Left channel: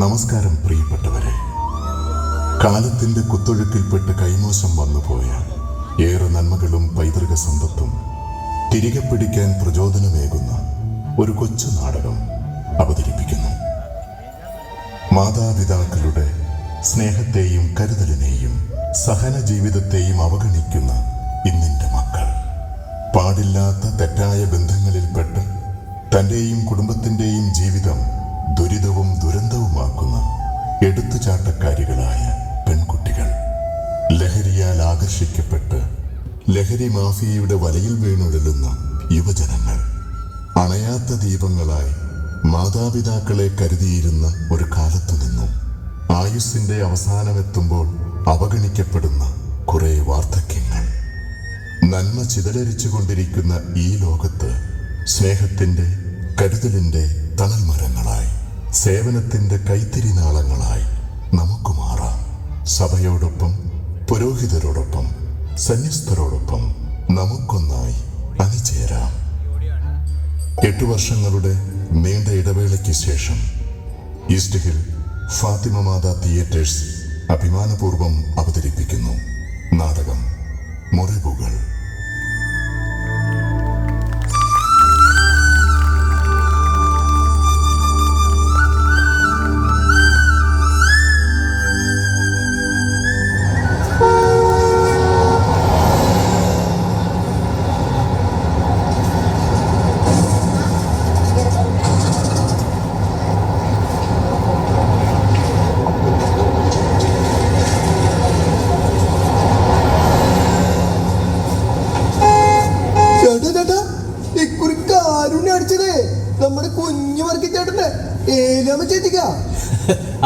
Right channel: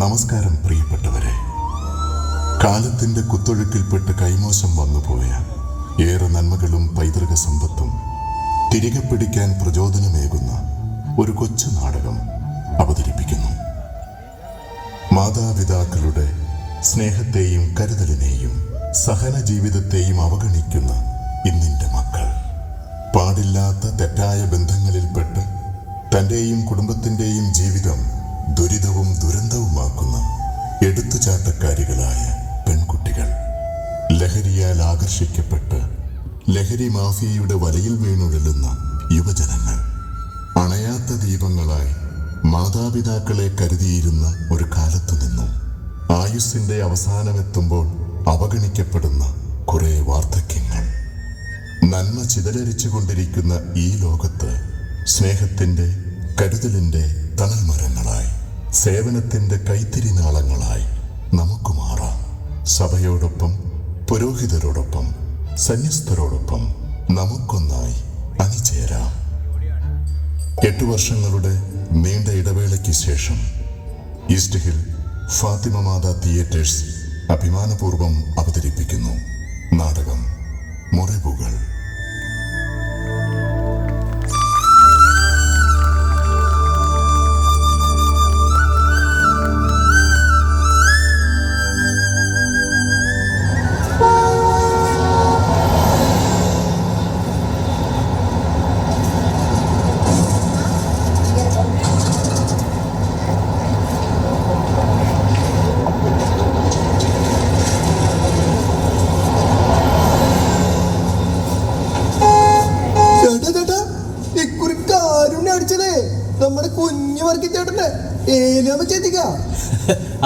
നമസ്കാരം പ്രിയപ്പെട്ടവരെ. കാലത്തിന്റെ കുത്തൊഴുക്കിൽപ്പെട്ട് കൈമോശം വന്നുപോയ ഏറെ നന്മകളും പൈതൃക സമ്പത്തും തിരികെ പിടിക്കാൻ പ്രചോദനമേകുന്ന ഒരു കൊച്ചു നാടകം അവതരിപ്പിക്കുന്നു. മാതാപിതാക്കളുടെ സ്നേഹത്തെയും കരുതലിനെയും സഹന ജീവിതത്തെയും അവഗണിക്കുന്ന ഇന്നിന്റെ മക്കൾ പാടില്ലാത്ത തെറ്റായ ബന്ധങ്ങളിൽപ്പെട്ട് തന്റെയും കുടുംബത്തിന്റെയും ജീവിതം ദുരിതവും ദുരന്തവുമാക്കുന്ന എടുത്തുചാട്ടക്കാരികളായ പെൺകുട്ടികൾ, ലഹരിയാൽ ആകർഷിക്കപ്പെട്ട് ലഹരി മാഫിയയുടെ വലയിൽ വീണുഴലുന്ന യുവജനങ്ങൾ, അണയാത്ത ദീപങ്ങളായി മാതാപിതാക്കളെ കരുതിയിരുന്ന ഒരു കാലത്തു നിന്നും ആയുസ്സിന്റെ അവസാനമെത്തുമ്പോൾ അവഗണിക്കപ്പെടുന്ന കുറെ വാർദ്ധക്യങ്ങൾ. നന്മ ചിതലരിച്ചുകൊണ്ടിരിക്കുന്ന ഈ ലോകത്ത് സ്നേഹത്തിന്റെ കരുതലിന്റെ തണൽമരങ്ങളായി, സേവനത്തിന്റെ കൈത്തിരിനാളങ്ങളായി നമുക്ക് മാറാം. സഭയോടൊപ്പം, പുരോഹിതരോടൊപ്പം, സന്യസ്തരോടൊപ്പം നമുക്കൊന്നായി അണിചേരാം. 8 വർഷങ്ങളുടെ നീണ്ട ഇടവേളയ്ക്ക് ശേഷം ഈസ്റ്റ് ഹിൽ ഫാത്തിമ മാതാ തിയേറ്റേഴ്സ് അഭിമാനപൂർവ്വം അവതരിപ്പിക്കുന്നു നാടകം മുറിവുകൾ. നമ്മുടെ കുഞ്ഞു വർക്കി ചേട്ടന് ഏലാമ ചേച്ചിക്ക.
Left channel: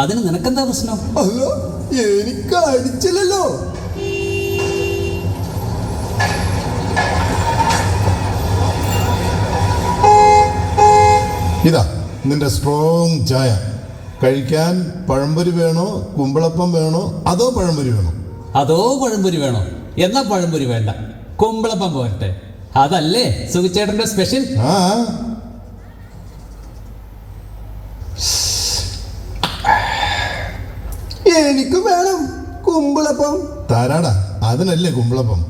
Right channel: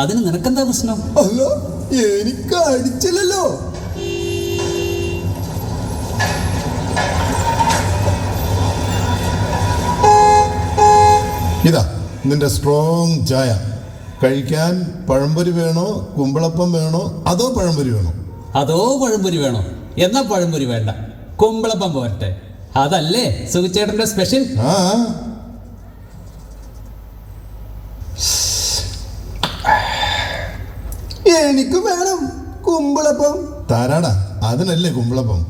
അതിന് നിനക്കെന്താ പ്രശ്നം? അല്ല, എനിക്ക് അടിച്ചില്ലല്ലോ. ഇതാ നിന്റെ സ്ട്രോങ് ചായ. കഴിക്കാൻ പഴംപൊരി വേണോ, കുമ്പളപ്പം വേണോ, അതോ പഴംപൊരി വേണോ? അതോ പഴംപൊരി വേണോ? എന്നാ പഴംപൊരി വേണ്ട, കുമ്പളപ്പം പോരട്ടെ. അതല്ലേ സുഖിച്ചേട്ടന്റെ സ്പെഷ്യൽ. ആ, എനിക്ക് വേണം കുമ്പളപ്പം. താരാടാ, അതിനല്ലേ കുമ്പളപ്പം.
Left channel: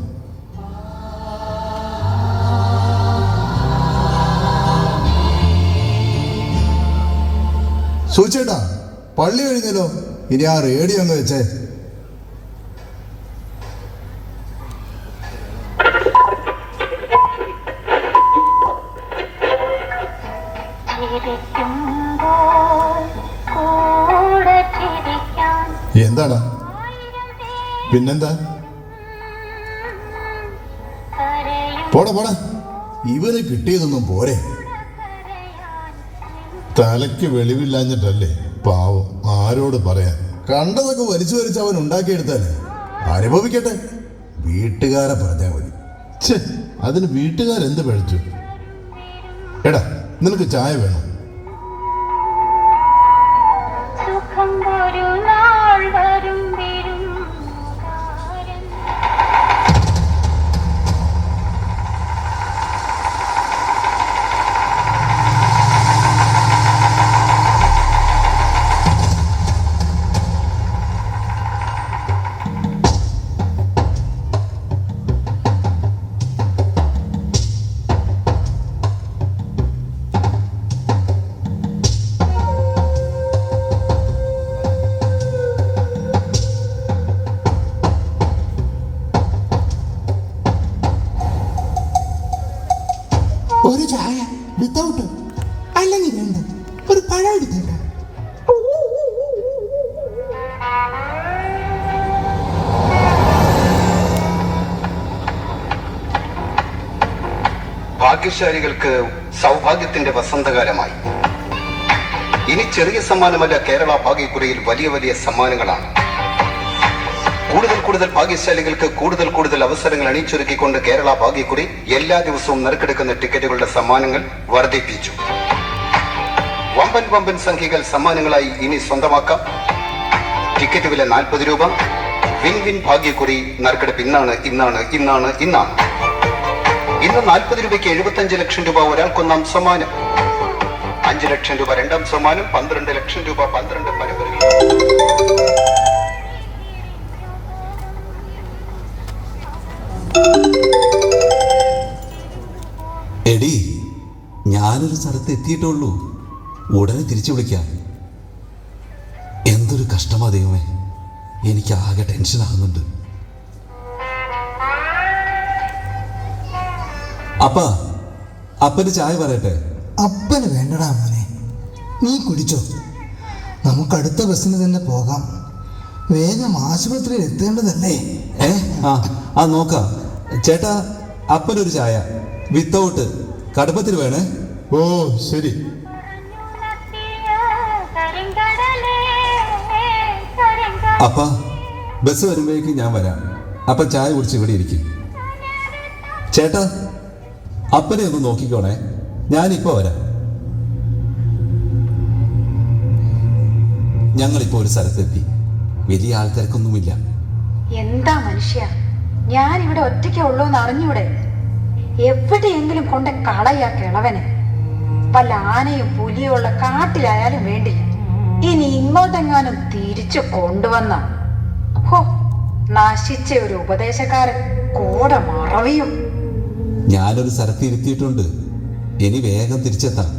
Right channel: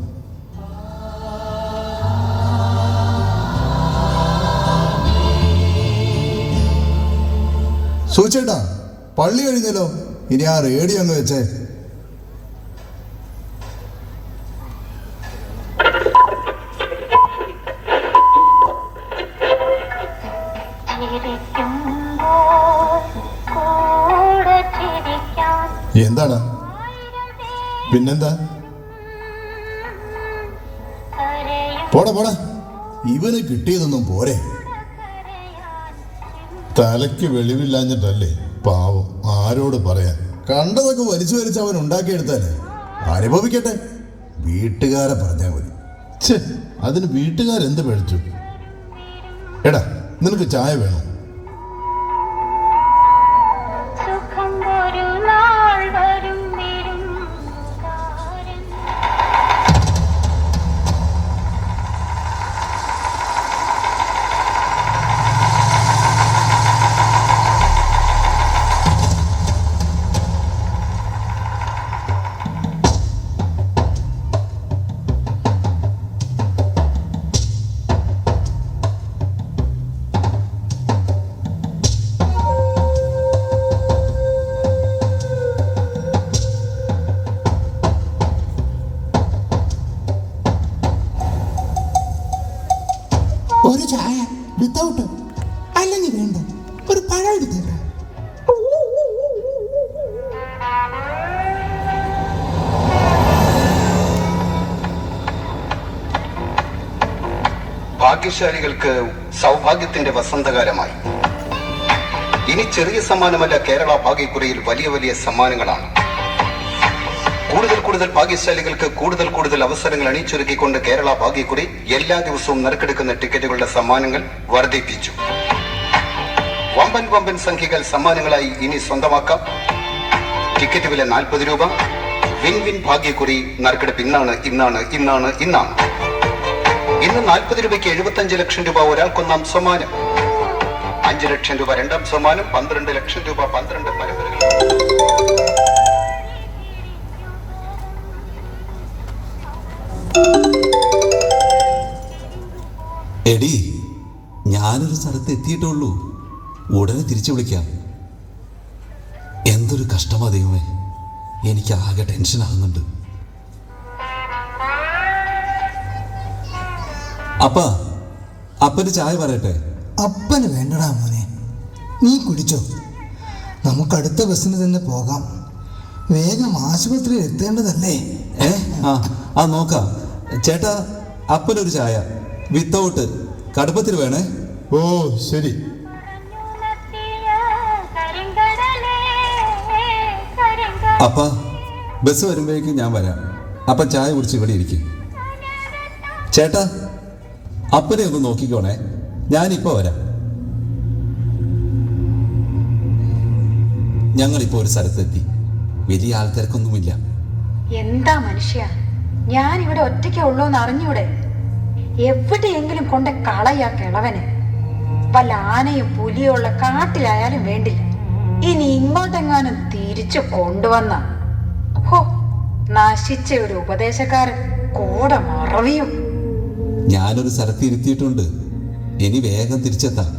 സൂചേട്ടാ, പള്ളി കഴിഞ്ഞല്ലോ. ഇനി ആ റേഡിയോ ഒന്ന് വെച്ചേ. എന്താടാ, പിന്നെന്താ? പോടാ പോടാ, ഇവന് കിട്ടിയതൊന്നും പോരെ. തലയ്ക്ക് വെളിവില്ലാഞ്ഞിട്ടല്ലേ പാവം, ആരോട് പറയാൻ. കണ്ടതൊക്കെ വലിച്ചു വലിച്ച് അവൻ ഉണ്ടാക്കിയെടുത്താലേ അനുഭവിക്കട്ടെ. വീട്ടുകാരെ പറഞ്ഞാൽ മതി. അതിന് വീട്ടുകാരെന്ത് പഴിച്ചു? എടാ, നിനക്ക് ചായ വേണം? ഒരു ചായ വിത്തൗട്ട്, അല്ലെങ്കിൽ വേണ്ട ഒരു പഴം എടുത്തേക്ക. ഭാഗ്യശാലികൾക്ക് സൗഭാഗ്യത്തിന്റെ വസന്തകാലമായി. ഇനി ചെറിയ സമ്മാനമല്ല, കേരള ഭാഗ്യക്കുറിയിൽ വലിയ വലിയ സമ്മാനങ്ങളാണ്. കൂടുതൽ ഭാഗ്യശാലികൾക്ക് കൂടുതൽ അവസരങ്ങൾ അണിച്ചൊരുക്കിക്കൊണ്ട് കേരള ഭാഗ്യക്കുറി എല്ലാ ദിവസവും നറുക്കെടുക്കുന്ന ടിക്കറ്റുകളുടെ സമ്മാനങ്ങൾ വർദ്ധിപ്പിച്ചു. വമ്പൻ സംഖ്യകൾ സമ്മാനങ്ങളായി ഇനി സ്വന്തമാക്കാം. ടിക്കറ്റ് വില 40 രൂപ. വിൻ ഭാഗ്യക്കുറി നറുക്കെടുപ്പ് ഇന്നാണ്. ഇന്ന് 40 രൂപയ്ക്ക് 75 ലക്ഷം രൂപ ഒരാൾക്കൊന്നാം സമ്മാനം. 5 ലക്ഷം രൂപ രണ്ടാം സമ്മാനം, 12 ലക്ഷം രൂപ 12 പരമ്പരകൾ. എടി, ഞാനൊരു സ്ഥലത്ത് എത്തിയിട്ടുള്ളൂ, ഉടനെ തിരിച്ചു വിളിക്കാം. എന്തൊരു കഷ്ടമാ ദൈവമേ, എനിക്ക് ആകെ ടെൻഷനാകുന്നുണ്ട്. അപ്പന് ചായ പറയട്ടെ? അപ്പന് വേണ്ടടാ മോനെ, നീ കുടിച്ചോ. നമുക്ക് അടുത്ത ബസ്സിന് തന്നെ പോകാം. വേഗം ആശുപത്രിയിൽ എത്തേണ്ടതല്ലേ? ആ നോക്കാം. ചേട്ടാ, അപ്പനൊരു ചായ വിത്തൗട്ട് കടുപ്പത്തിൽ വേണേ. ഓ ശരി. അപ്പ ബസ് വരുമ്പോഴേക്കും ഞാൻ വരാം. അപ്പൻ ചായ കുടിച്ച് ഇവിടെ ഇരിക്കും. ചേട്ടാ, അപ്പനെ ഒന്ന് നോക്കിക്കോണേ, ഞാനിപ്പോ വരാം. ഞങ്ങളിപ്പോ ഒരു സ്ഥലത്തെത്തി. വലിയ ആൾക്കാർക്കൊന്നുമില്ല. എന്താ മനുഷ്യ, ഞാൻ ഇവിടെ ഒറ്റയ്ക്കേ ഉള്ളൂ എന്ന് അറിഞ്ഞൂടെ? എവിടെയെങ്കിലും കൊണ്ട് കളയാ കിളവന്. വല്ല ആനയും പുലിയോ ഉള്ള കാട്ടിലായാലും വേണ്ടില്ല. ഇനി ഇങ്ങോട്ടെങ്ങാനും തിരിച്ചു കൊണ്ടുവന്ന ഹോ, നശിച്ച ഒരു ഉപദേശക്കാരൻ കൂടെ മറവിയും. ഞാനൊരു സ്ഥലത്ത് ഇരുത്തിയിട്ടുണ്ട്, ഇനി വേഗം തിരിച്ചെത്താം.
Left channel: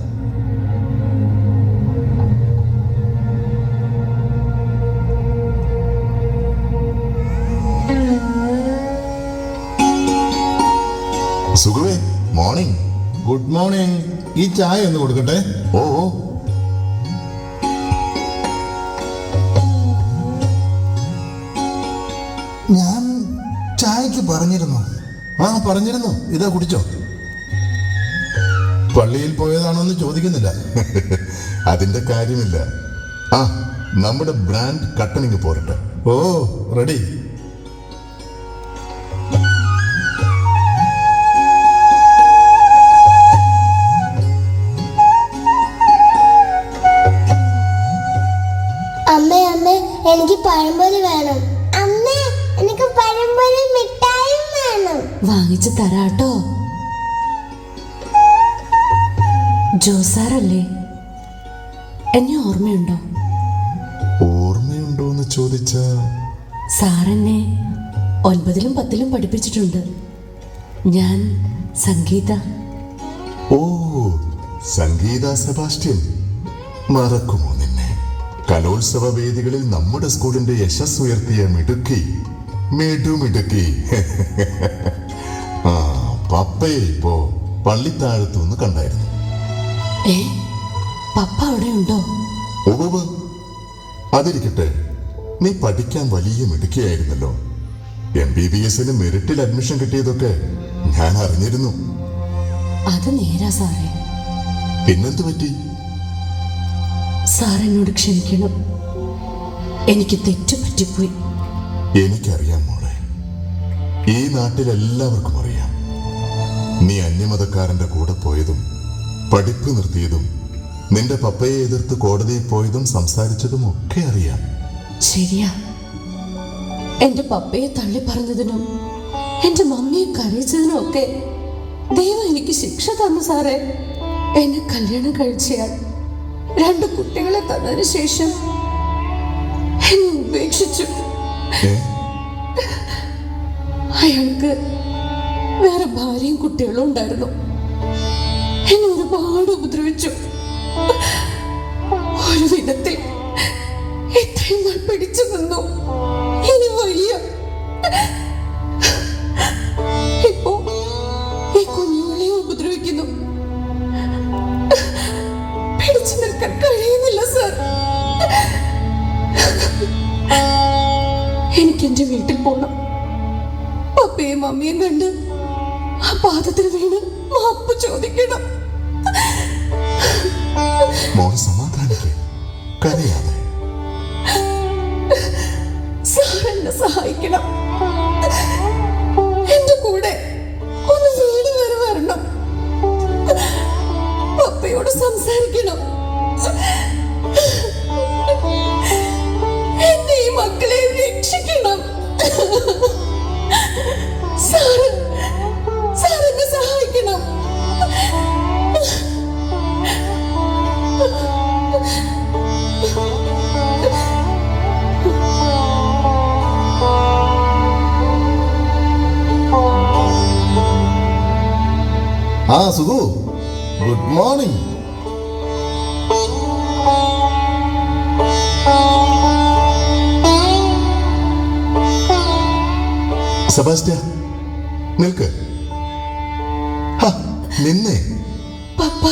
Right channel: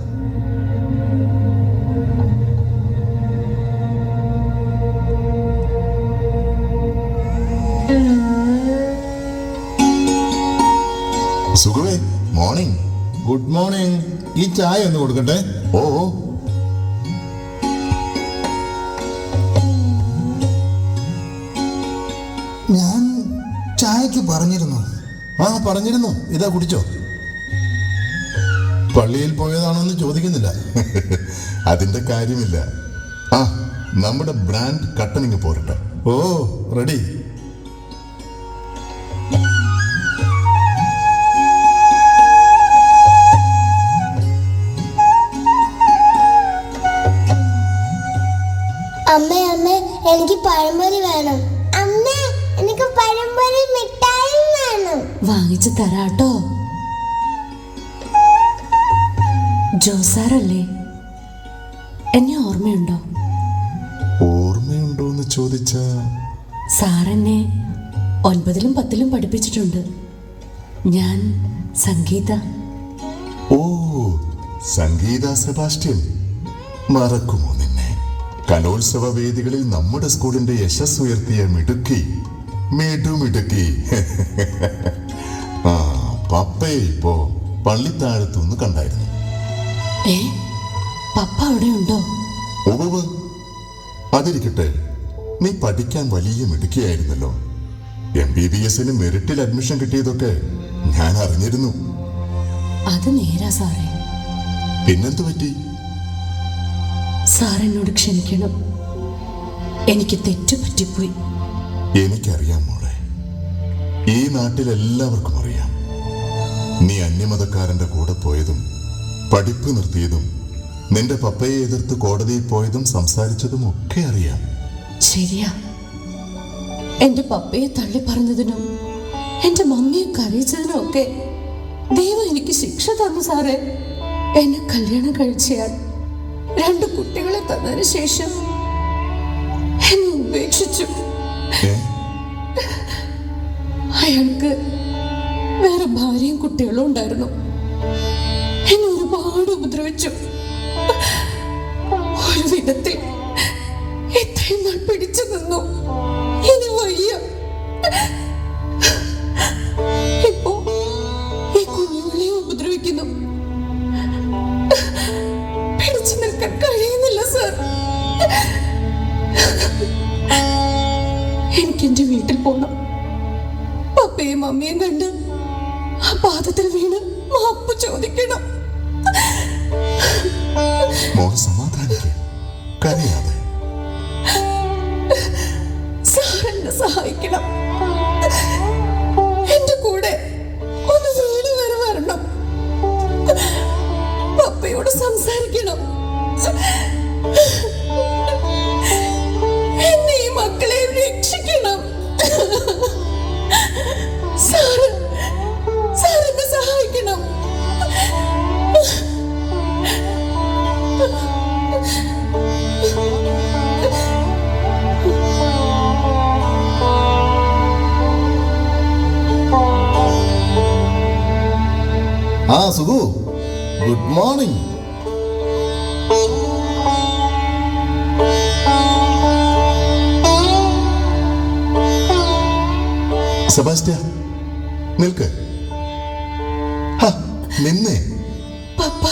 സുഖമേ, മോർണിംഗ്. Good morning. ഈ ചായ ഒന്ന് കൊടുക്കട്ടെ? ഓ ഞാൻ ചായക്ക് പറഞ്ഞിരുന്നു. പറഞ്ഞിരുന്നു. ഇതാ കുടിച്ചോ. പള്ളിയിൽ പോയതാണോന്ന് ചോദിക്കുന്നില്ല. അതിന്റെ കാര്യമില്ല. നമ്മുടെ ബ്രാൻഡ് കട്ടനിങ് പോരട്ടെ. ഓ റെഡി. അമ്മേ അമ്മേ, എനിക്ക് പഴംപൊരി വേണം. അമ്മേ, എനിക്ക് പഴംപൊരി മിഠായും വേണം. വാങ്ങിച്ചു തരാട്ടോ. ജോസാറല്ലേ? എന്നെ ഓർമ്മയുണ്ടോ? ഓർമ്മയുണ്ടോന്ന് ചോദിച്ചാ സാറെന്നെ 9ലും 10ലും പഠിപ്പിച്ചിട്ടുണ്ട്. ഞാൻ സംഗീത. ഓ, സംഗീത സെബാസ്റ്റ്യൻ. മറക്കുമോ നിന്നെ? കലോത്സവ വേദികളിൽ നമ്മുടെ സ്കൂളിന്റെ യശസ് ഉയർത്തിയ മിടുക്കി. പപ്പയെ ഇപ്പോ പള്ളിത്താഴത്തുനിന്ന് കണ്ടായിരുന്നു. പപ്പ അവിടെ ഉണ്ടോ? ഉവ്വ്. അതിരിക്കട്ടെ, നീ പഠിക്കാൻ വലിയ മിടുക്കിയായിരുന്നല്ലോ. MBBS മെറിറ്റിൽ അഡ്മിഷൻ കിട്ടിയതൊക്കെ ഞാൻ അറിഞ്ഞിരുന്നു. അത് നേരാ സാറേ. പിന്നെന്ത് പറ്റി? സാറെന്നോട് ക്ഷമിക്കണം, എനിക്ക് തെറ്റു പറ്റിപ്പോയി. എനിക്കറിയാം മോളെ, ഈ നാട്ടിലെല്ലാവർക്കും അറിയാം. നീ അന്യമതക്കാരന്റെ കൂടെ പോയതും പഠിപ്പ് നിർത്തിയതും നിന്റെ പപ്പയെ എതിർത്ത് കോടതിയിൽ പോയതും സംസാരിച്ചതും ഒക്കെ അറിയാം. ശരിയാ, എന്റെ പപ്പയെ തള്ളി പറഞ്ഞതിനും എന്റെ മമ്മിയെ കരയിച്ചതിനും ഒക്കെ ദൈവം എനിക്ക് ശിക്ഷ തന്നു സാറേ. എന്നെ കല്യാണം കഴിച്ചയാൾ 2 കുട്ടികളെ തന്നതിന് ശേഷം എന്നെ ഉപേക്ഷിച്ചു. അയാൾക്ക് വേറെ ഭാര്യയും കുട്ടികളും ഉണ്ടായിരുന്നു. എന്നെ ഒരുപാട് ഉപദ്രവിച്ചു. ഒരു വിധത്തിൽ ഇത്രയും നാൾ പിടിച്ചു നിന്നു. ഇനി വയ്യ. ഇപ്പോ ഈ കുഞ്ഞുങ്ങളെ ഉപദ്രവിക്കുന്നു. പിടിച്ചു നിൽക്കാൻ കഴിയുന്നില്ല സാർ. എനിക്ക് എന്റെ വീട്ടിൽ പോകണം. പപ്പയും മമ്മിയും കണ്ട് ആ പാദത്തിൽ വീണ് മാപ്പ് ചോദിക്കണം. മോൾ സമാധാനിക്ക്, കരയാതെ. സാർ എന്നെ സഹായിക്കണം. എന്റെ കൂടെ ഒന്ന് വീട് വരെ വരണം. പപ്പയോട് സംസാരിക്കണം. എന്നെ ഈ മക്കളെ രക്ഷിക്കണം. സാർ എന്നെ സഹായിക്കണം. ആ സുഖു, ഗുഡ് മോർണിംഗ്. സെബാസ്റ്റ്യ, നിൽക്ക്. ഹ, നിന്നേ. പപ്പ,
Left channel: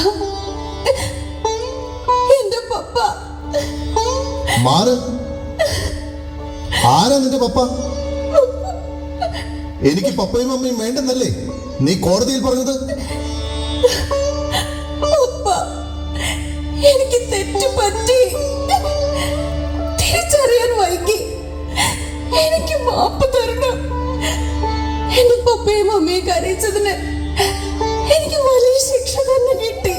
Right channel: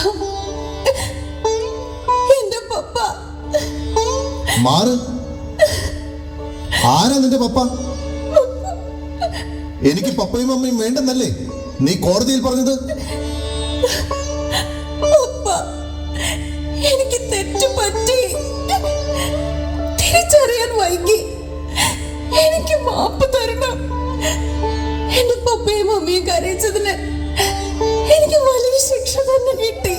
എന്റെ പപ്പ. മാറ്. ആരാ നിന്റെ പപ്പ? എനിക്ക് പപ്പയും അമ്മയും വേണ്ടെന്നല്ലേ നീ കോടതിയിൽ പറഞ്ഞത്? പപ്പ, എനിക്ക് തെറ്റ് പറ്റി. തിരിച്ചറിയാൻ വൈകി. എനിക്ക് മാപ്പ് തരണം. എന്റെ പപ്പയും അമ്മയും കരയിച്ചതിന് എനിക്ക് വലിയ ശിക്ഷ തന്നെ കിട്ടി.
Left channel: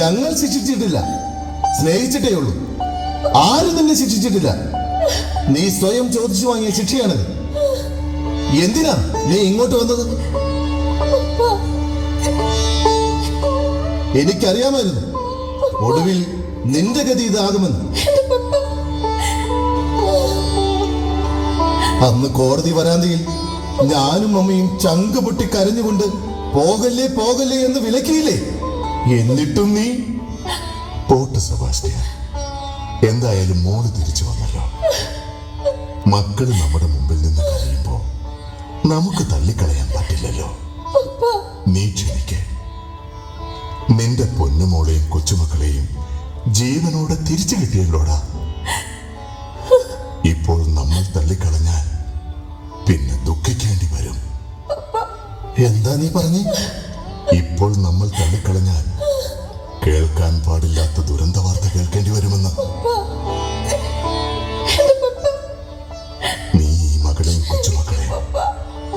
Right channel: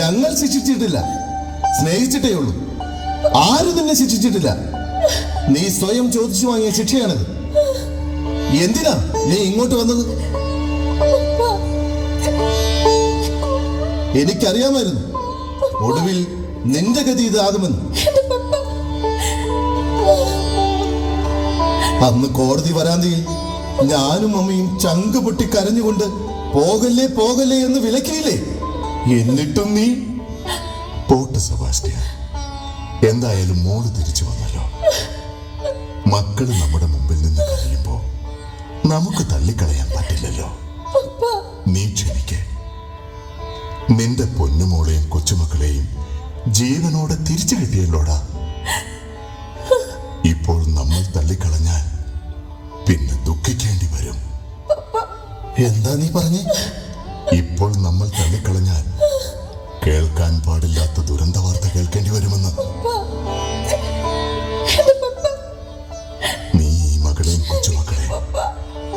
ഞങ്ങൾ ശിക്ഷിച്ചിട്ടില്ല, സ്നേഹിച്ചിട്ടേ ഉള്ളൂ. ആരും നിന്നെ ശിക്ഷിച്ചിട്ടില്ല. നീ സ്വയം ചോദിച്ചു വാങ്ങിയ ശിക്ഷയാണത്. എന്തിനാ നീ ഇങ്ങോട്ട് വന്നത്? എനിക്കറിയാമായിരുന്നു ഒടുവിൽ നിന്റെ ഗതി ഇതാകുമെന്ന്. അന്ന് കോടതി വരാന്തയിൽ ഞാനും അമ്മയും ചങ്ക് പൊട്ടി കരഞ്ഞുകൊണ്ട് പോകല്ലേ പോകല്ലേ എന്ന് വിലക്കിയില്ലേ? എന്നിട്ടും നീ പോട്ട് സെബാസ്റ്റ്യ, എന്തായാലും മോള് തിരിച്ചു വന്നല്ലോ. മക്കള് നമ്മുടെ മുമ്പിൽ നിന്ന് കരയുമ്പോ നമുക്ക് തള്ളിക്കളയാൻ പറ്റില്ലല്ലോ. നീ ക്ഷമിക്കേ. നിന്റെ പൊന്നുമോളെയും കൊച്ചുമക്കളെയും ജീവനോടെ തിരിച്ചു കിട്ടിയല്ലോടാ. ഇപ്പോൾ നമ്മൾ തള്ളിക്കളഞ്ഞാൽ പിന്നെ ദുഃഖിക്കേണ്ടി വരും. എന്താ നീ പറഞ്ഞേ? ഇപ്പോൾ നമ്മൾ തള്ളിക്കളഞ്ഞാൽ കേൾക്കാൻ പാടില്ലാത്ത ദുരന്ത വാർത്ത കേൾക്കേണ്ടി വരുമെന്ന്. നീ ഈ മകളെയും കൊച്ചുമക്കളെയും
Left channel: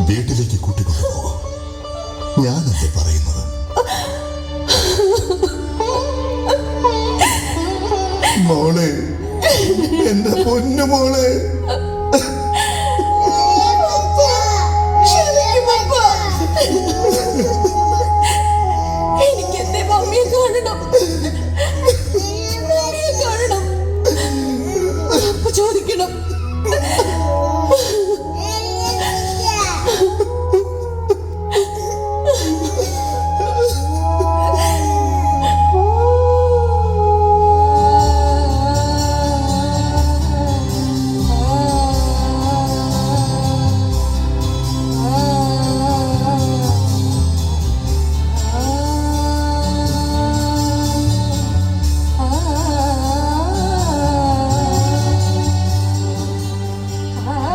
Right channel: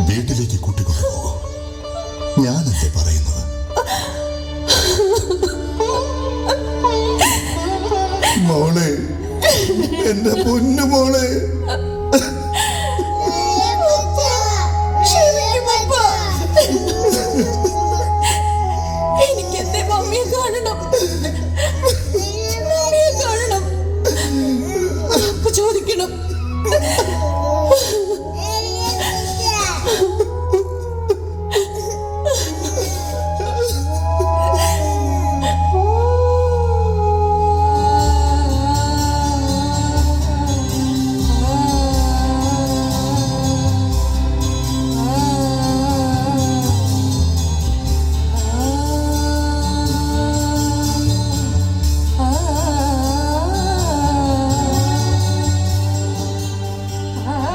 വീട്ടിലേക്ക് കൂട്ടിക്കൊണ്ടുപോകും. ഞാനല്ലേ പറയുന്നത്? മോളെ, എന്റെ പൊന്നു മോളെ. എനിക്ക് എന്റെ മമ്മിയെ കാണണം. മമ്മിയെ കാണണം. മാപ്പ് ചോദിക്കണം.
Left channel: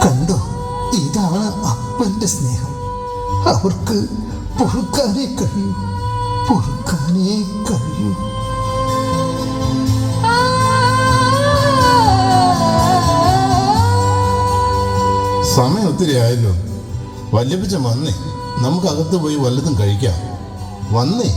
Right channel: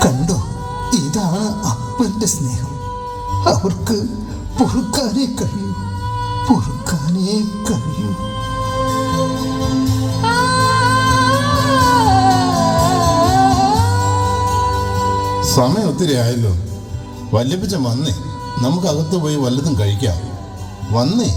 കണ്ടോ, ഇതാണ് അപ്പന്റെ സ്നേഹം. അവർക്ക് പൊറുക്കാനേ കഴിയൂ, പൊറുക്കാനേ കഴിയൂ. സമയം ഒത്തിരി ആയല്ലോ. വല്യപ്പച്ച വന്നേ, നമുക്ക് അകത്ത് പോയി വല്ലതും കഴിക്കാം. വന്നേ.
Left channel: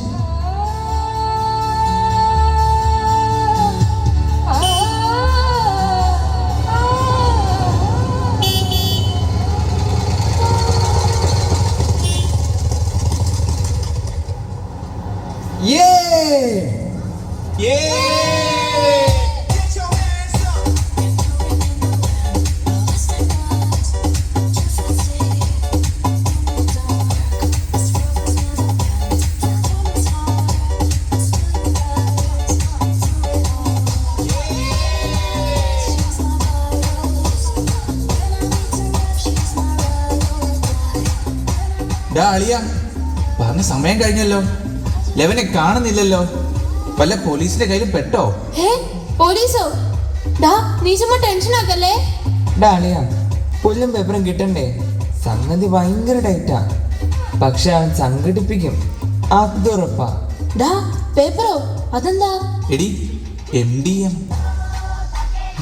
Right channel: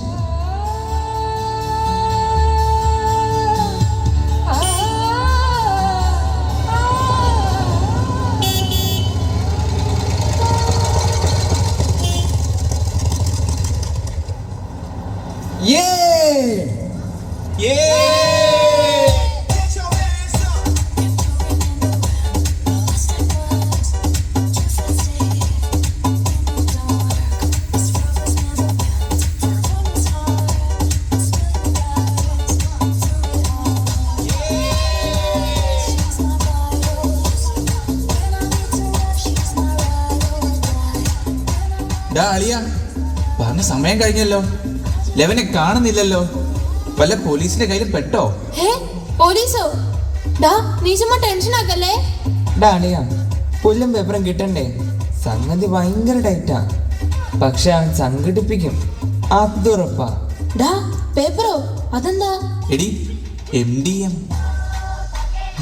അളിയ, പറഞ്ഞ സമയം കഴിഞ്ഞല്ലോ. ലെവനെ കാണുന്നില്ലല്ലോ. വല്ല പോലീസിന്റെ കയ്യിൽ പെട്ടോ? പോലീസോ? നീ ചുമ്മാ ടെൻഷൻ ആക്കല്ലേ. അളിയ, പുല്ലും പേപ്പറും കിട്ടണ്ടേ? സംഗതി ഭയങ്കര ടൈറ്റാ. പക്ഷെ അവൻ സംഘടിപ്പിക്കും, അതുറപ്പാ. പേപ്പറോ? അതെന്താ? എടി, MDM.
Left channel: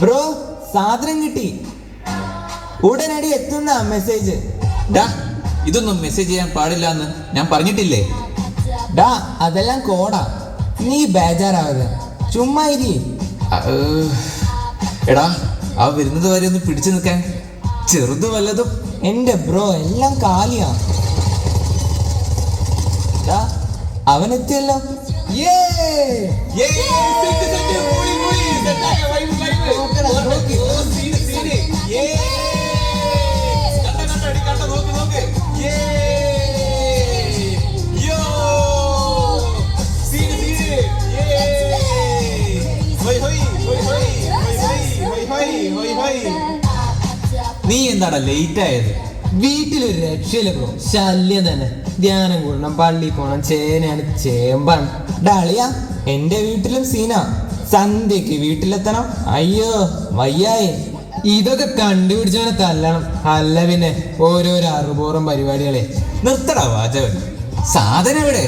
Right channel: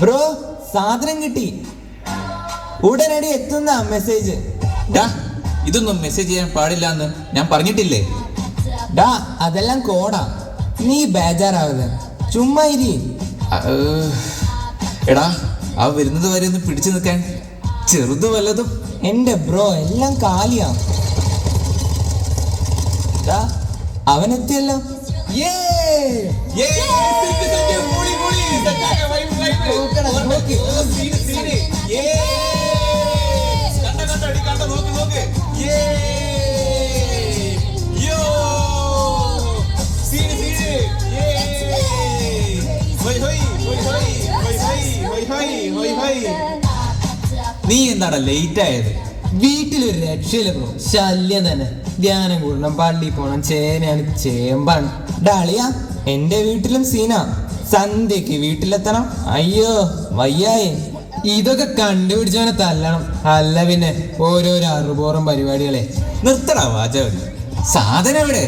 ബ്രോ, സാധനം കിട്ടി. ഉടനടി എത്തുന്ന മെസ്സേജ്. ഇതൊന്നും മെസ്സേജ് ചെയ്യാൻ പാടില്ല എന്ന് ഞാൻ പറഞ്ഞിട്ടില്ലേ? അതെല്ലാം കോടാ. നീ ബേജാറാവല്ല, ചുമ്മാ ഇരി. എടാ, അവ വരുന്നത് വരെ ഒന്ന് പിടിച്ചു നിൽക്കാൻ ചെറുത് വല്ലതും. എന്റെ ബ്രോ, എല്ലാം കാലിയാ. അവനെത്തിയല്ലോ. നീ എന്താടാ ലേറ്റ് ആയത്? വീട്ടിലൊരു രക്ഷയില്ല ബ്രോ, ശല്യം തന്നെ. ധ്യാനം കൂടണം, പള്ളി പോണം, ചേനയാണ് ചേമ്പാണ്. ഡാളിയ എന്റെ വീട്ടിലും സീന. സന്ധ്യക്ക് വീട്ടിലെത്തണം. അയ്യോ വയ്യായി. ഇതൊക്കെ കണ്ടുപിടിച്ചവനെ തല്ലണം. അല്ല പിന്നെ ഓരോരോ അറുപോറും പരിപാടികളെ. നിർത്തടാ വാചകം. സാധനം എവിടെ?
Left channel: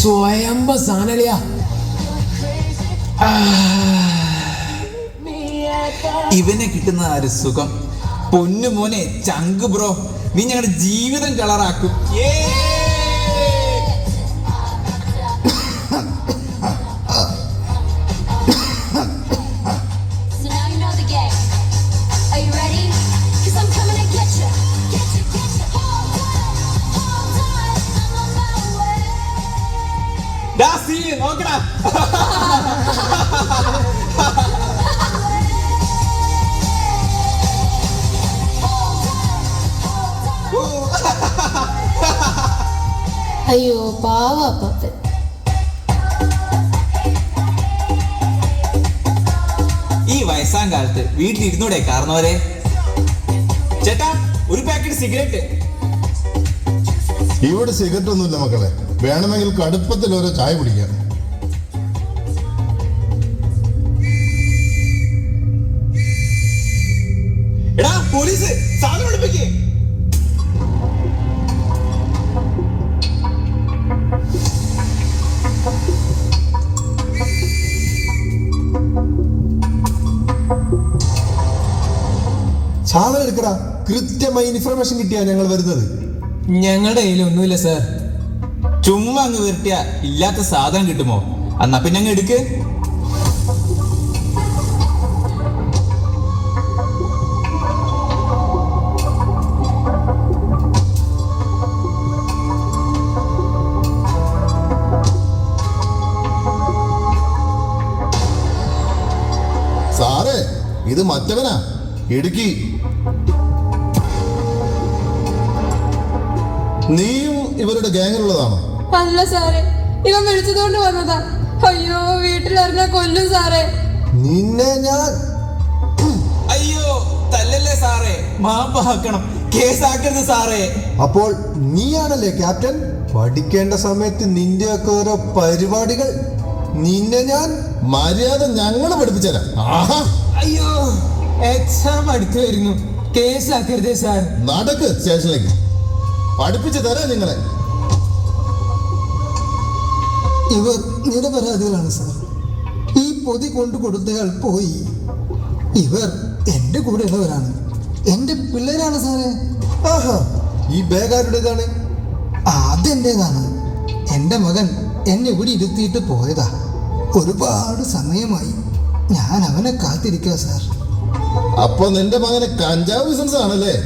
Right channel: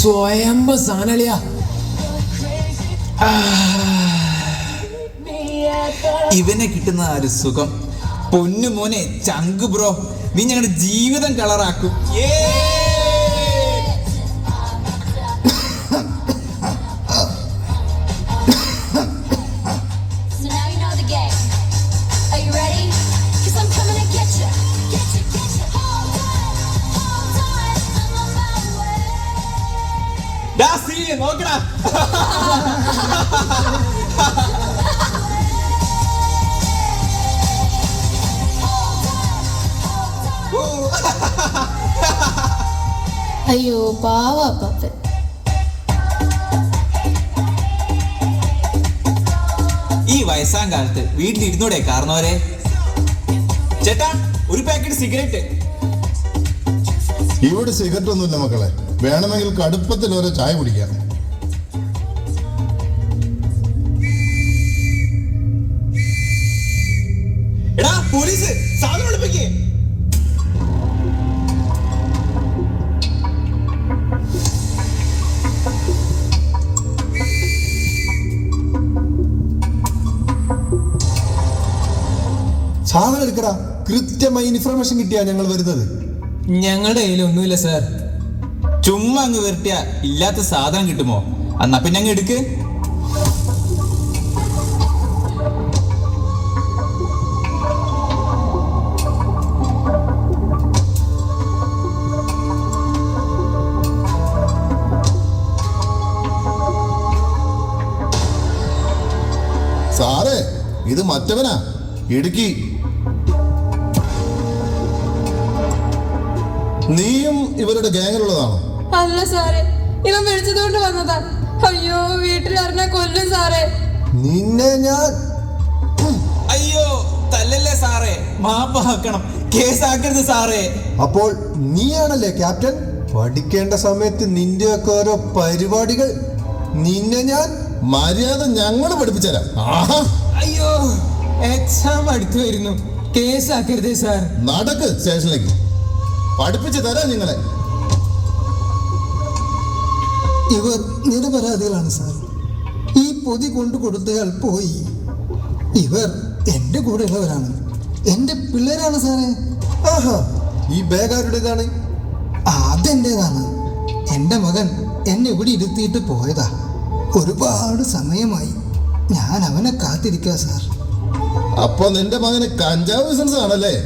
സ്വയംഭ സാനലിയ. ഇവനെ കിട്ടുന്ന ആ ഒരു സുഖം. പൊന്നു മോനെ, ചങ്ക് ബ്രോ, നീ ഞങ്ങളുടെ ജീവിതം കളറാക്കും. നോക്കടാ. അയ്യോ പാവ അപ്പൻ. ഈ വയസ്സാം കാലത്ത് വീട്ടിലിരുന്നൂടെ കാരണവരെ? ചേട്ടാ, ഒരു പാക്കറ്റ് സിഗരറ്റ്. ഇവിടെ സിഗരറ്റ് ഒന്നുമില്ല മക്കളെ, വേണമെങ്കിൽ കടുപ്പത്തിൽ ഓരോ ചായ കുടിക്കാം. എടാ പോലീസ്, സാധനം എടുപ്പിക്കേ. സാധനം എടുക്കടാ. കൃത്യമായി ഇൻഫർമേഷൻ കിട്ടിയാ ഞങ്ങൾ വരുന്നത്. ഞങ്ങളുടെ കയ്യിൽ ഒന്നുമില്ല സാർ. ചുമ്മാ അങ്ങ് വരട്ടിയ ഇല്ലാത്ത സാധനം കിട്ടുമോ? എന്നാ പിന്നെ അങ്ങ് എടുക്ക്. സാറേ, ഇത് മറ്റവനാ, ഇടുക്കി. നീയും ഇവരുടെ ഗ്യാങ്ങിലുള്ളതാണോ? അല്ല സാറേ, ഇവൻ വിളിച്ചതുകൊണ്ട് വന്നതാ. അയ്യോ വീട്ടിലറിഞ്ഞ കൊല്ലും സാറേ. നിന്നെ ഞാൻ അയ്യോ തല്ലല്ലേ സാറേ, മാപ്പാക്കണം, കേസാക്കരുത് സാറേ. അപ്പോൾ നീയാണല്ലേ ക്യാപ്റ്റൻ? പഠിക്കേണ്ട സമയത്ത് നിന്റെയൊക്കെ ഓരോ പരിപാടികൾ. നിന്നെ ഞാൻ മര്യാദ ഞങ്ങൾ പഠിപ്പിച്ചരാ. അയ്യോ എക്സാം അടുത്ത് വരുന്നു, കേസാക്കരുതേ സാർ. നടക്ക് സ്റ്റേഷനിലേക്ക്, പഠിപ്പിച്ചു തരാം നിങ്ങളെ. ഇവർ നിരപരാധികളാണ് സാർ. ഈ പൊതി കൊണ്ടു കൊടുത്തയാൾ പോയി. ഇവർ എൻ്റെ കൂടെ ഉള്ളവരാണ്, എൻ്റെ പിള്ളേരാണ് സാറേ. ആഹാ, ഈ ബാഗ് ആരുടേതാണ്? അതെൻ്റേതാണ്. എൻ്റെ മകൻ എന്നെ ഇവിടെ ഇരുത്തിയിട്ട് പോയതാ. ഒരുപാട് സമയമായി ഞാൻ അവനെ കാത്തിരിക്കുക സാർ. അപ്പൊ നിന്റെ മകന് കഞ്ചാവ് ബിസിനസ് ആണല്ലേ?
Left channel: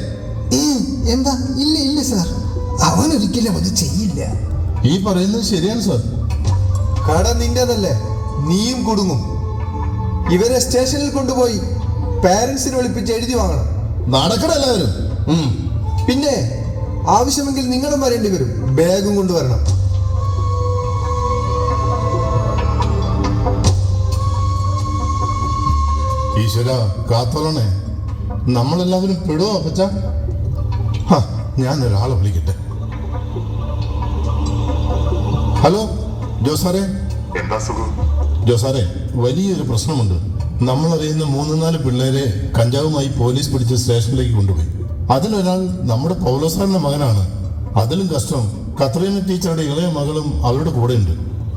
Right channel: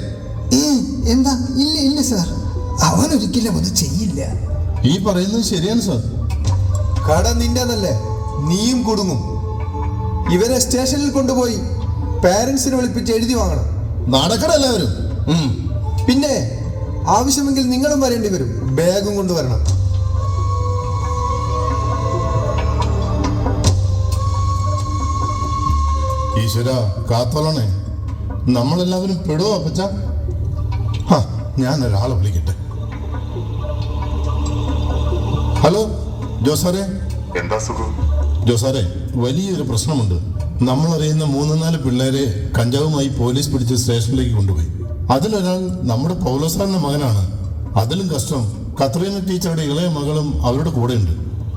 എന്താ? ഇല്ല ഇല്ല സാർ, അവനൊരിക്കലും അത് ചെയ്യില്ല. ഈ പറയുന്നത് ശരിയാണ് സാർ. കട നിന്റേതല്ലേ, നീയും കുടുങ്ങും. ഇവരെ സ്റ്റേഷനിൽ കൊണ്ടുപോയി പാരന്റ്സിനെ വിളിപ്പിച്ച് എഴുതി വാങ്ങണം. നടക്കണം എല്ലാവരും. പിന്നെ ആവശ്യമെങ്കിൽ നിങ്ങളും വരേണ്ടി വരും. ബാഗും കൊണ്ടുവരണം. ഈശ്വര കാത്തോളണേ, നമ്മളെല്ലാവരും പെടുവോ അപ്പച്ച? ഞാൻ ഒരാളെ വിളിക്കട്ടെ. ഹലോ ജോസാറേ. എന്താ സുഖം? ജോസാറേ, വലിയൊരു പ്രശ്നമുണ്ട്. നമ്മളറിയുന്ന 3-4 പിള്ളേരെ കഞ്ചാവുമായി പോലീസ് പിടിച്ച് സ്റ്റേഷനിലേക്ക് കൊണ്ടുപോയി. അതിലൊരാൾ നമ്മുടെ പൗലോസാറിന്റെ മകനാണ്. അതിലും കഷ്ടം, കത്രീന ടീച്ചറുടെ ഇളയ മകളും അവരുടെ കൂടെയുണ്ട്.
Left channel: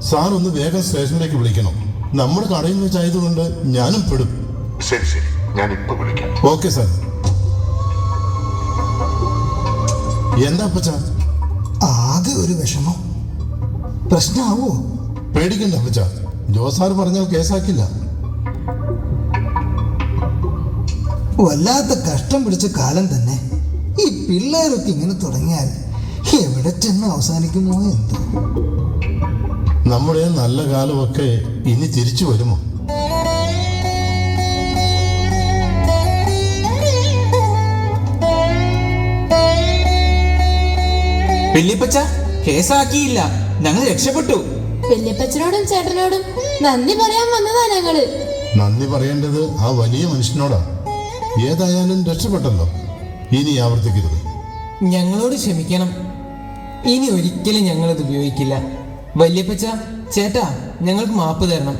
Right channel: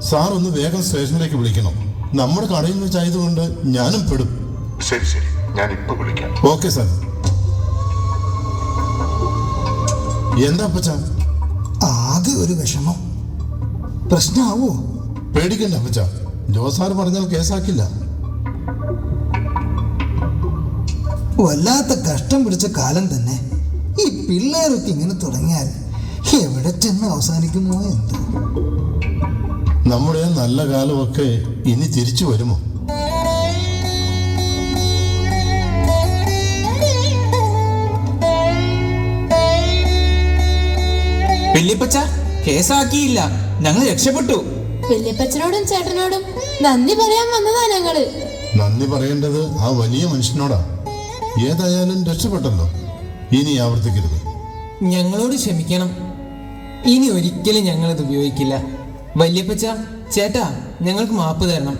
സാർ ഒന്ന് വേഗം സ്റ്റേഷനിലേക്ക് വിളിക്കണം. നമ്മുടെ കടയിൽ വെച്ചായതുകൊണ്ട് ഞാനും പെടും. ശരി ശരി, ഞാൻ ഇപ്പൊ വിളിക്കാം. Okay sir. എന്താ അപ്പച്ച? ആകെ ഒരു വിഷമം. പ്രശ്നമാവോ? പേടിക്കണ്ട അപ്പച്ച, ജോസാർ പറഞ്ഞാൽ കേസാക്കില്ല. വല്ലാത്ത കഷ്ടം പിടിച്ച കാലം തന്നെ. ഈ പിള്ളേരൊക്കെ ഇങ്ങനെ തുടങ്ങിയാൽ എവിടെ ചെന്ന് അവസാനിക്കുമോ എന്തോ. നമ്മുടെ നല്ല കാലമൊക്കെ ഇനി തിരിച്ചു വരുമോ? വല്യപ്പച്ച കേസാക്കിയില്ല, ഞങ്ങൾ രക്ഷപ്പെട്ടു. വല്യപ്പച്ചനോടും ചേട്ടനോടും നന്ദി പറയാൻ വന്നതാ ഞങ്ങള്. നന്ദി പറയേണ്ടത് ആ വലിയ മനുഷ്യനോടാ. ഏതായാലും രക്ഷപ്പെട്ടല്ലോ, ഇനി ആവർത്തിക്കരുത്. ഞങ്ങളോട് ക്ഷമിക്കണം, ഇനി ഒരിക്കലും ഞങ്ങളിത് ഉപയോഗിക്കില്ല. വല്യപ്പച്ച, ചേട്ടാ, ഞങ്ങൾക്ക് മാപ്പ് തരണം.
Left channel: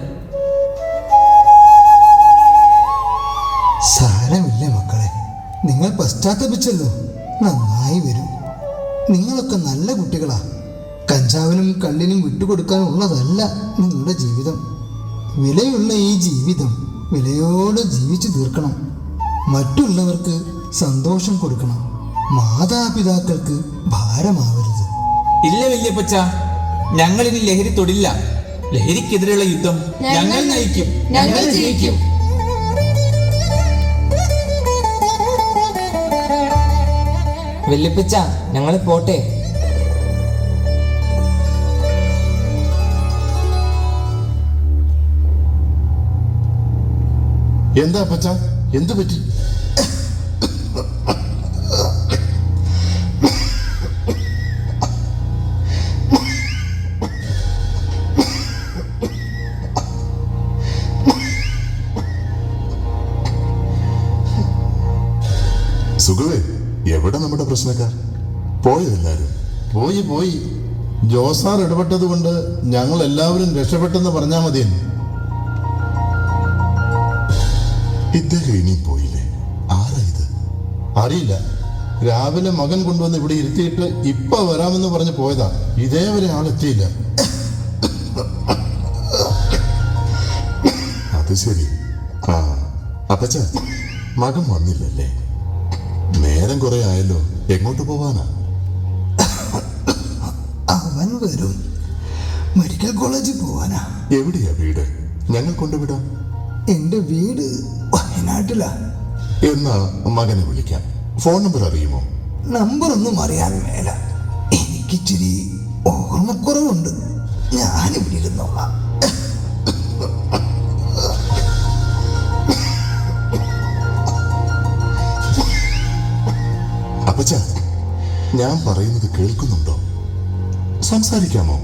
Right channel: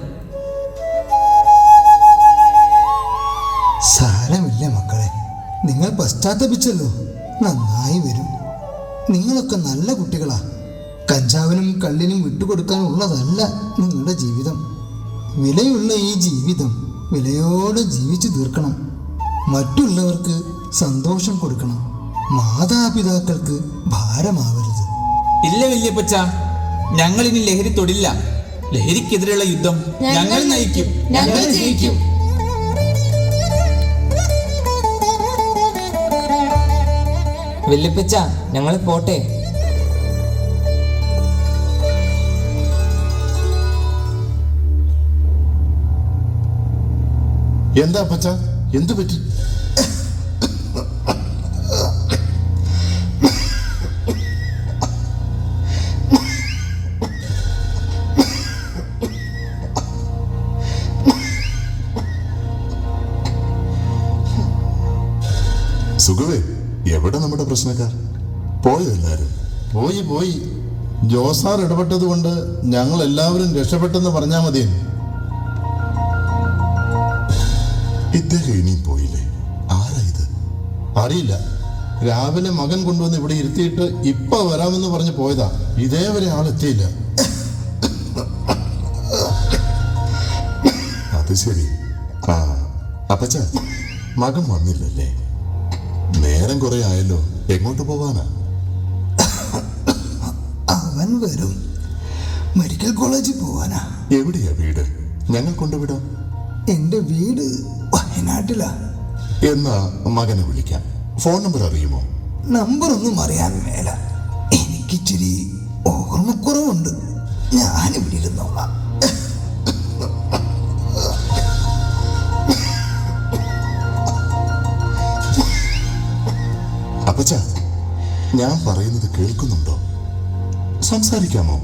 സാരമില്ല മക്കളെ, നിങ്ങൾ പശ്ചാത്തപിച്ചല്ലോ, നന്നായി വരും. നിങ്ങളൊക്കെ നല്ല കുട്ടികളാ. കഞ്ചാവിനും കള്ളിനും വിട്ടുകൊടുക്കാനുള്ളതല്ല നിങ്ങളുടെ ജീവിതം. വിലയുള്ള ഈ ജീവിതം വിലയോടെ ജീവിച്ചു തീർക്കണം. മറ്റുള്ളവർക്ക് സന്തോഷം കൊടുക്കണം. മാതാപിതാക്കൾക്ക് ഭാരമാവരുത്. ഇല്ല വല്യപ്പച്ച, ഞങ്ങളിനി ലഹരി തൊടില്ല. ലഹരിക്കെതിരെയുള്ള യുദ്ധം ഞങ്ങൾ നയിക്കും, ഞങ്ങൾ ജയിക്കും. വല്യപ്പച്ച, ഞങ്ങൾ പോട്ടെ. എന്താ അപ്പച്ച, എന്തു പറ്റി? സുഖവേ, എവിടെ നമ്മുടെ പ്രശ്നക്കാർ? പോയോ എല്ലാരും? പോയി. ജോസാർ ഇടപെട്ടത് കൊണ്ട് ഞങ്ങൾ എല്ലാവരും രക്ഷപ്പെട്ടെന്ന് പറഞ്ഞാൽ മതിയെന്ന്. ഇദ്ദേഹം ഇനിയും പോയില്ലേ? ആരാ ഇത്? അറിയില്ല. രാവിലെ മകൻ കൊണ്ടുവന്ന് ഇവിടെ ഇരുത്തിയിട്ട് ഇപ്പൊ വരാമെന്ന് പറഞ്ഞ് പോയതാ. ഇതേവരെ ആളെത്തിയില്ല. അത് ശരി. ആ അപ്പച്ച, മകൻ വന്നില്ലല്ലേ? നേരം കുറെ ആയല്ലോ, എങ്ങോട്ട് പോവാനാ? അവൻ വരും. മെഡിക്കൽ കോളേജിൽ പോവാനാ. എവിടെയാ വീട്? ഞങ്ങൾ കൊണ്ടുവിടാം. എന്റെ വീട് വയനാട്ടിലാ. എന്നാ മകനെ വിളിക്കാം. ഫോൺ നമ്പർ അറിയുമോ? നമ്പറൊന്നും അറിയാൻ മേല. എനിക്കിച്ചിരി ഓർമ്മക്കുറവുണ്ട്. ഞാനിവിടെ ഇരുന്നോളാം. അപ്പച്ച, ഞാൻ പറയുന്നത് കേൾക്കുന്നുണ്ടോ? സംസാരിക്കാമോ?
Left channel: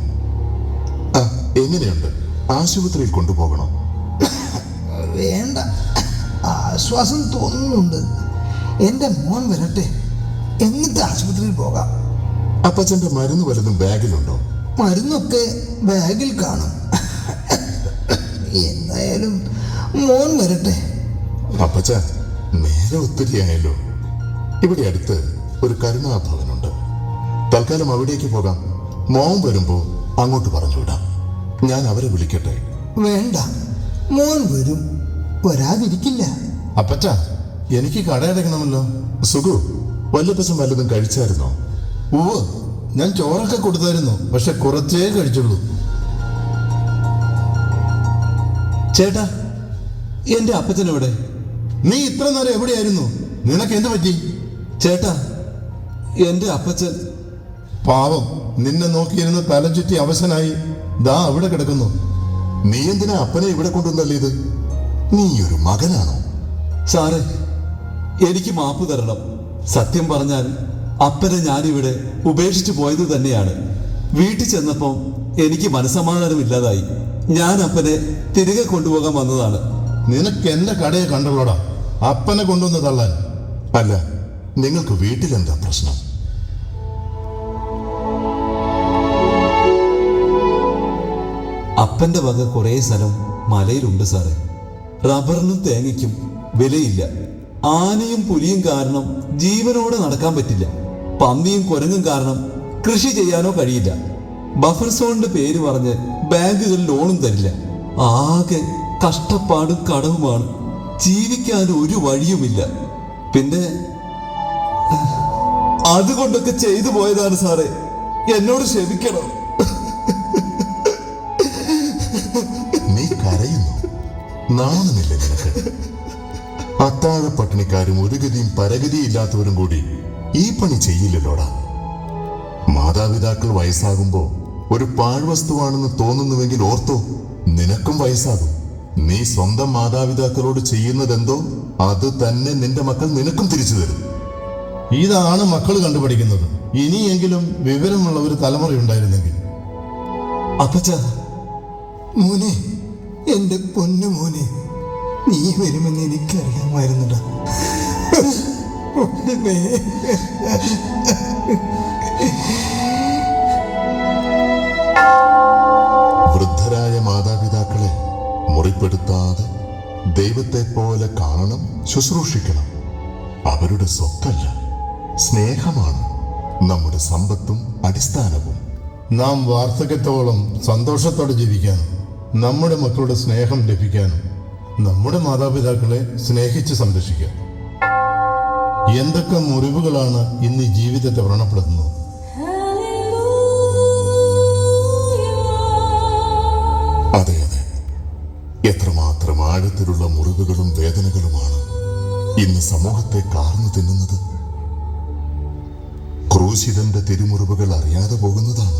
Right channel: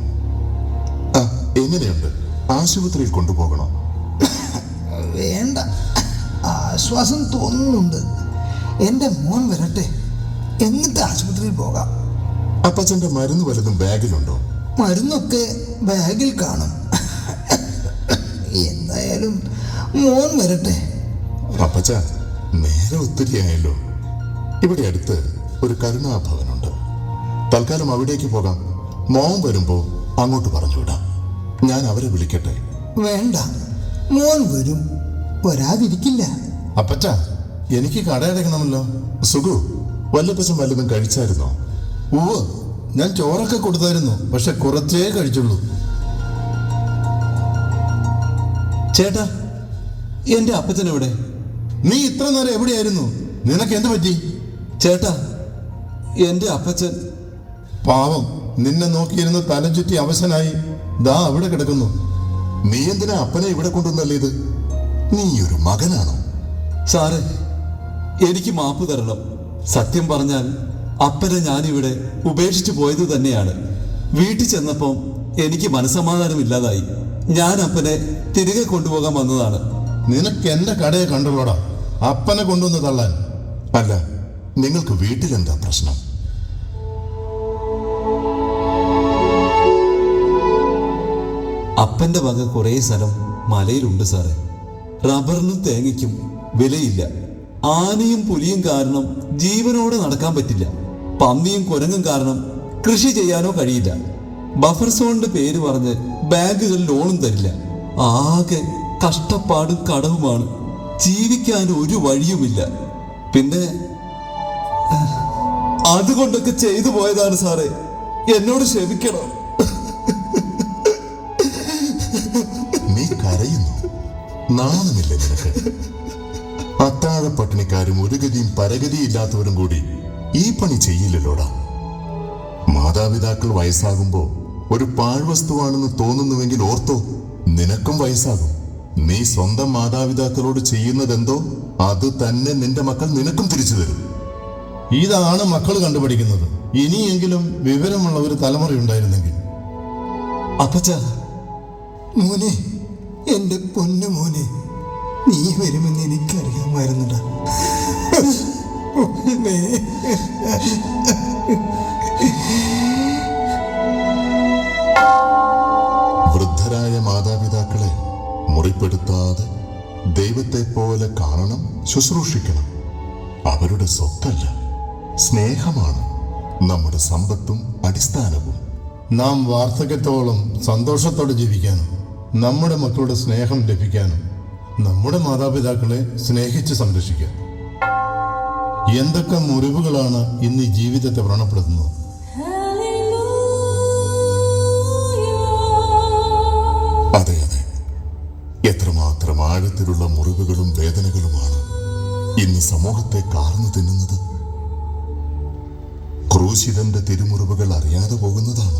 എങ്ങനെയുണ്ട്? ആശുപത്രിയിൽ കൊണ്ടുപോകണോ? വേണ്ട, ആശ്വാസം തോന്നുന്നുണ്ട്. എന്റെ മോൻ വരട്ടെ, എന്നിട്ട് ആശുപത്രിയിൽ പോകാം. അപ്പച്ചന്റെ മരുന്ന് വല്ലതും ബാഗിലുണ്ടോ? മരുന്നൊക്കെ ബാഗിൽ കാണും. എന്തായാലും മോൻ വരട്ടെ. അപ്പച്ച, നേരെ ഒത്തിരിയായല്ലോ. ഇവിടെ അടുത്ത് ഒരു കരുണാഭവനുണ്ട്. തൽക്കാലം അവിടേക്ക് പോകാം. മോൻ വരുമ്പോ അങ്ങോട്ട് പറഞ്ഞുവിടാം. ഞാൻ അവരെ വിളിക്കട്ടെ? വേണ്ട, മോൻ വരും, വരാതിരിക്കില്ല. അപ്പച്ച, എനിക്ക് കടയടക്കണമല്ലോ. സുഖു, വല്ലപ്പച്ചൻ വല്ലതും കഴിച്ചായിരുന്നോ? ഉവ്വ്, ഞാൻ ചോറൊക്കെ കൊടുത്തായിരുന്നു, പക്ഷെ കുറച്ചേ കഴിച്ചുള്ളൂ. ചേട്ടാ, എന്റെ അപ്പച്ചനെവിടെ? നീ ഇത്ര നേരം എവിടെയായിരുന്നു? നിനക്ക് എന്ത് പറ്റി? ചേട്ടാ, എന്റെ അപ്പച്ചൻ പാവം, നിന്നെ നോക്കിയിരുന്ന് തല ചുറ്റി അവശനായി ദാ അവിടെ കിടക്കുന്നു. നീ എന്തിനാ അപ്പനെ ഇവിടെ കൊണ്ടുവന്നല്ലേത്? നീ ഒരു മകനാണ്. സാറേ, എനിക്ക് മാപ്പ് തരണം. സത്യം പറഞ്ഞാൽ അപ്പനെ ഞാനിവിടെ ഉപേക്ഷിച്ചു പോയത് തന്നെയാണ്. വീട്ടിൽ ചെന്നപ്പോൾ എനിക്ക് മനസ്സമാധാനമില്ലാതായി. ഞാൻ അപ്പനെ തിരികെ കൊണ്ടുപോകാൻ വന്നതാണ്. നിനക്ക് എന്റെ കടയെ കണ്ടുള്ളടാ അപ്പനെ കൊണ്ടുവന്ന് തള്ളാൻ. അല്ല, നിങ്ങൾക്ക് വീട്ടിലെന്താ പ്രശ്നം? അപ്പന്റെ വക കുറേ സ്ഥലം മലയിലുണ്ട് സാറേ. റബ്ബറിനും തേങ്ങയ്ക്കും വിലയില്ല. ആനയും പുലിയും കാരണം ജീവനോടെ നടക്കാൻ പറ്റില്ല. പന്നിയും കുരങ്ങും കാരണം കൃഷി ചെയ്യാനോ കഴിയില്ല. ബഫർ സോണിന്റെ പേര് പറഞ്ഞ് ബാങ്കുകൾ ലോണും തരില്ല. ആകെ കഷ്ടപ്പാടും കടവുമാണ്. ജീവിക്കാൻ ഒരു വഴിയുമില്ല. പിന്നെ അതുകൊണ്ടൊക്കെ ചെയ്തു പോയതാണ് സാറേ. എന്നോട് ക്ഷമിക്കണം. നീ കരയുന്നു? നാണമില്ല നിനക്ക്? അത്താഴ പട്ടിണിക്കാരും ഒരു ഗതിയും പരഗതിയില്ലാത്തവരും കൂടി ഈ പണി ചെയ്യില്ലല്ലോടാ. മാതാപിതാക്കൾ വയസ്സാകുമ്പോ ഒരു പാഴ്വസ്തുവാണെന്ന് തോന്നുന്നുവെങ്കിൽ ഓർത്തോ, നിനക്കും വയസ്സാകും. നീ സ്വന്തം മാതാപിതാക്കളോട് ചെയ്യുന്നതെന്തോ അത് തന്നെ നിന്റെ മക്കൾ നിനക്കും തിരിച്ചു തരും. ഇതാണ് മക്കൾ കണ്ടുപിടിക്കുന്നത്. ഇനിയെങ്കിലും വിവരമുള്ള ഒരു തലമുറയുണ്ടായിരുന്നെങ്കിൽ. അപ്പച്ച, മോനെ, എൻ്റെ പൊന്നു മോനെ, നീ വരുമെന്ന് എനിക്കറിയാമായിരുന്നടാ. വൃദ്ധരായ മാതാപിതാക്കളെ മുറിപ്പെടുത്താതെ ദൈവത്തെ പോലെ കാണണം, ശുശ്രൂഷിക്കണം. അവരുടെ സ്വത്തല്ല, സ്നേഹമാണ് നമ്മുടെ സമ്പത്തും അടിസ്ഥാനവും. നാം വാർദ്ധക്യത്തോളം സന്തോഷത്തോടെ ജീവിക്കാനും നമ്മുടെ മക്കളുടെ സ്നേഹം ലഭിക്കാനും നമ്മുടെ മാതാപിതാക്കളെ സ്നേഹിച്ച് സംരക്ഷിക്കാം. എന്തൊക്കെ മുറിവുകളാണ് ഇന്ന് ഈ ജീവിതത്തെ വ്രണപ്പെടുത്തുന്നത്. അതെ അതെ, എത്രമാത്രം ആഴത്തിലുള്ള മുറിവുകളും വേദനകളുമാണ് ഇന്ന് സമൂഹത്തെ കാർന്നു തിന്നുന്നത്. ക്രൂശിതന്റെ തിരുമുറിവുകൾ അറിയാതെ പോകുന്നതാണ്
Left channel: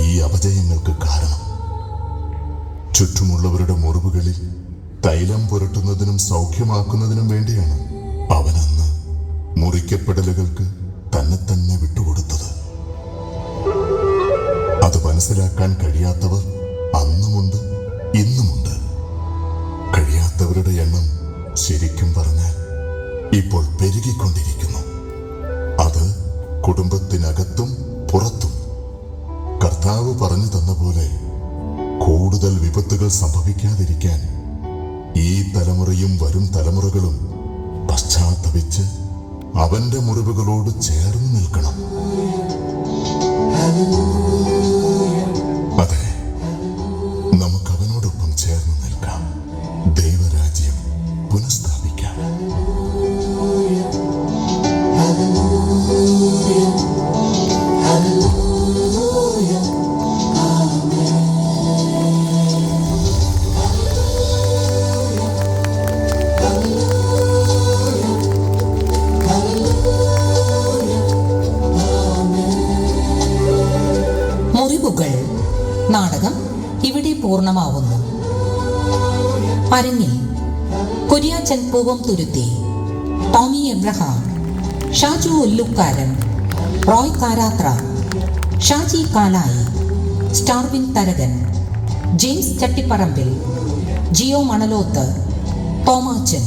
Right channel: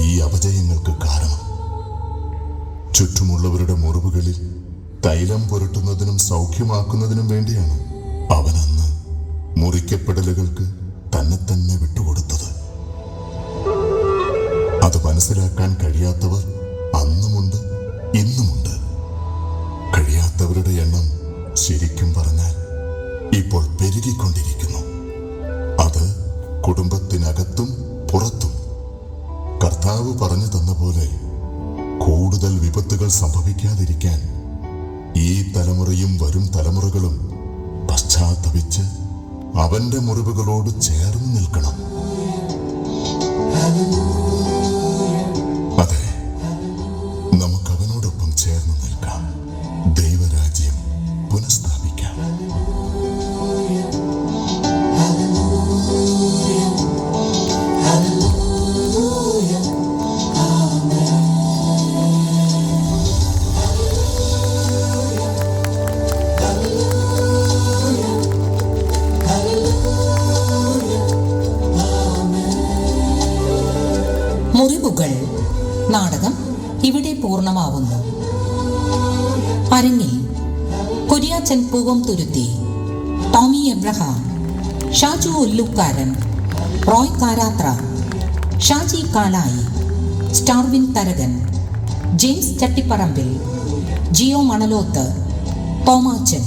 ഈ അപജയങ്ങൾക്ക് കാരണം. ചുറ്റുമുള്ളവരുടെ മുറിവുകളിൽ തൈലം പുരട്ടുന്നതിനും സൗഖ്യമാക്കുന്നതിനും വേണ്ടിയാണ് അവനന്ന് മുറിക്കപ്പെടലുകൾക്ക് തന്നെ തന്നെ വിട്ടുകൊടുത്തത്. അത് മനസ്സിലാക്കാൻ കഴിയാത്തവർ അന്നുമുണ്ട്, ഇന്നുമുണ്ട്. കഴിയാത്തവരുടെ എണ്ണം ശരിക്കും പറഞ്ഞാൽ ഇപ്പോൾ പെരുകിക്കൊണ്ടിരിക്കുന്നു. അത് കുടുംബത്തിനകത്തും പുറത്തും. കർത്താവ് പറഞ്ഞു തന്ന പോലെ കൂടുതൽ വിപത്തുകൾ സംഭവിക്കാതിരിക്കാൻ ഈ തലമുറയും വരും തലമുറകളും പശ്ചാത്തപിച്ച് അവന്റെ മുറിവുകളോട് ചേർന്ന് നിൽക്കണം. അതെ, നമുക്ക് അവനോടൊപ്പം ചേർന്ന് നിൽക്കാം. ദൈവരാജ്യം പുനഃസ്ഥാപിക്കാം. മുറിവുകൾ നാടകം ഇവിടെ പൂർണ്ണമാവുന്നു. അരങ്ങിൽ കുര്യാച്ചൻ പൂവം തുരുത്തി, ടോമി എബ്രഹാം, ഷാജു ഉല്ലുക്കാരൻ, റോയ് കാരാത്ര, ഷാജി കാലായി, സ്റ്റാർവിൻ തരകൻ, ജെയിംസ് ചട്ടിപ്പറമ്പിൽ, ജിയോ മണലോത്ത്, തോമാച്ചൻ,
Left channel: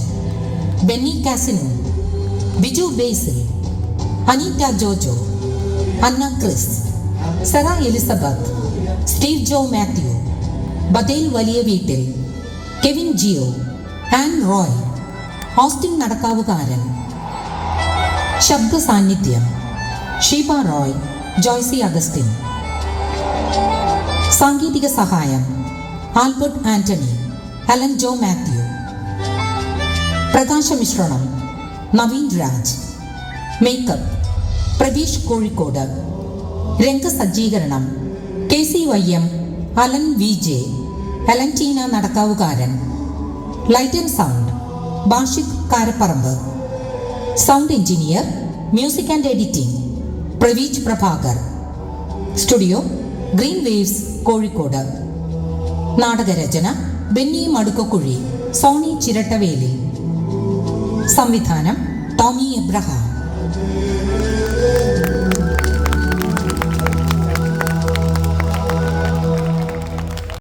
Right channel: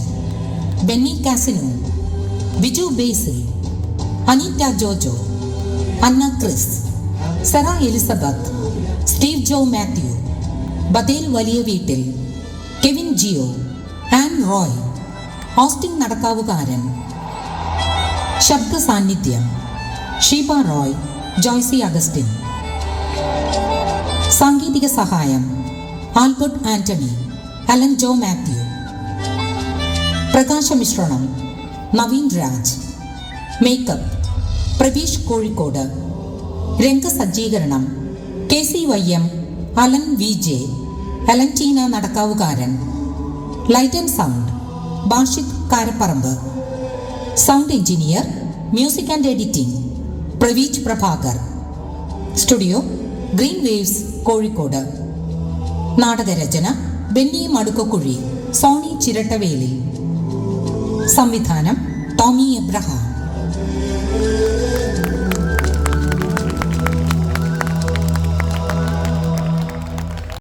ബെന്നി കാസിനു, ബിജു ബേസിൽ, അനീറ്റ ജോജോ, അന്ന ക്രിസ്, സറ എലിസബത്ത്, സ്റ്റീവ് ജോ മാത്യു, ബദേൽ വലിയ വീട്ടിൽ, കെവിൻ ജിയോ, ആൻ റോയ്, ഓസ്റ്റിൻ നടക്കാവുകാരൻ. ശബ്ദ സാന്നിധ്യം ഷീബ റോയ്, ജോയ്സി അഗസ്റ്റിൻ. സാങ്കേതിക സഹായം ആൽബർട്ട് ആന്റണി, ഹെലൻ ജോ മാത്യു. പ്രകാശമിശ്രണം നവീൻ രാജ്. മേക്കപ്പ് പ്രവീഷ് കോഴിക്കോട്. രംഗസജ്ജീകരണം KCYM Alan VJ, Alantina Nadakkavukaran. Light and sound Bashid Karaparamba. Sound engineer, music and editing Praveej Prabhakar. Studio green waves Kozhikode. നാടകരചന ബെന്നി മടുക്കുകുഴി, സോണി ചിരട്ടവേലി. സംവിധാനം ടോമി എബ്രഹാം.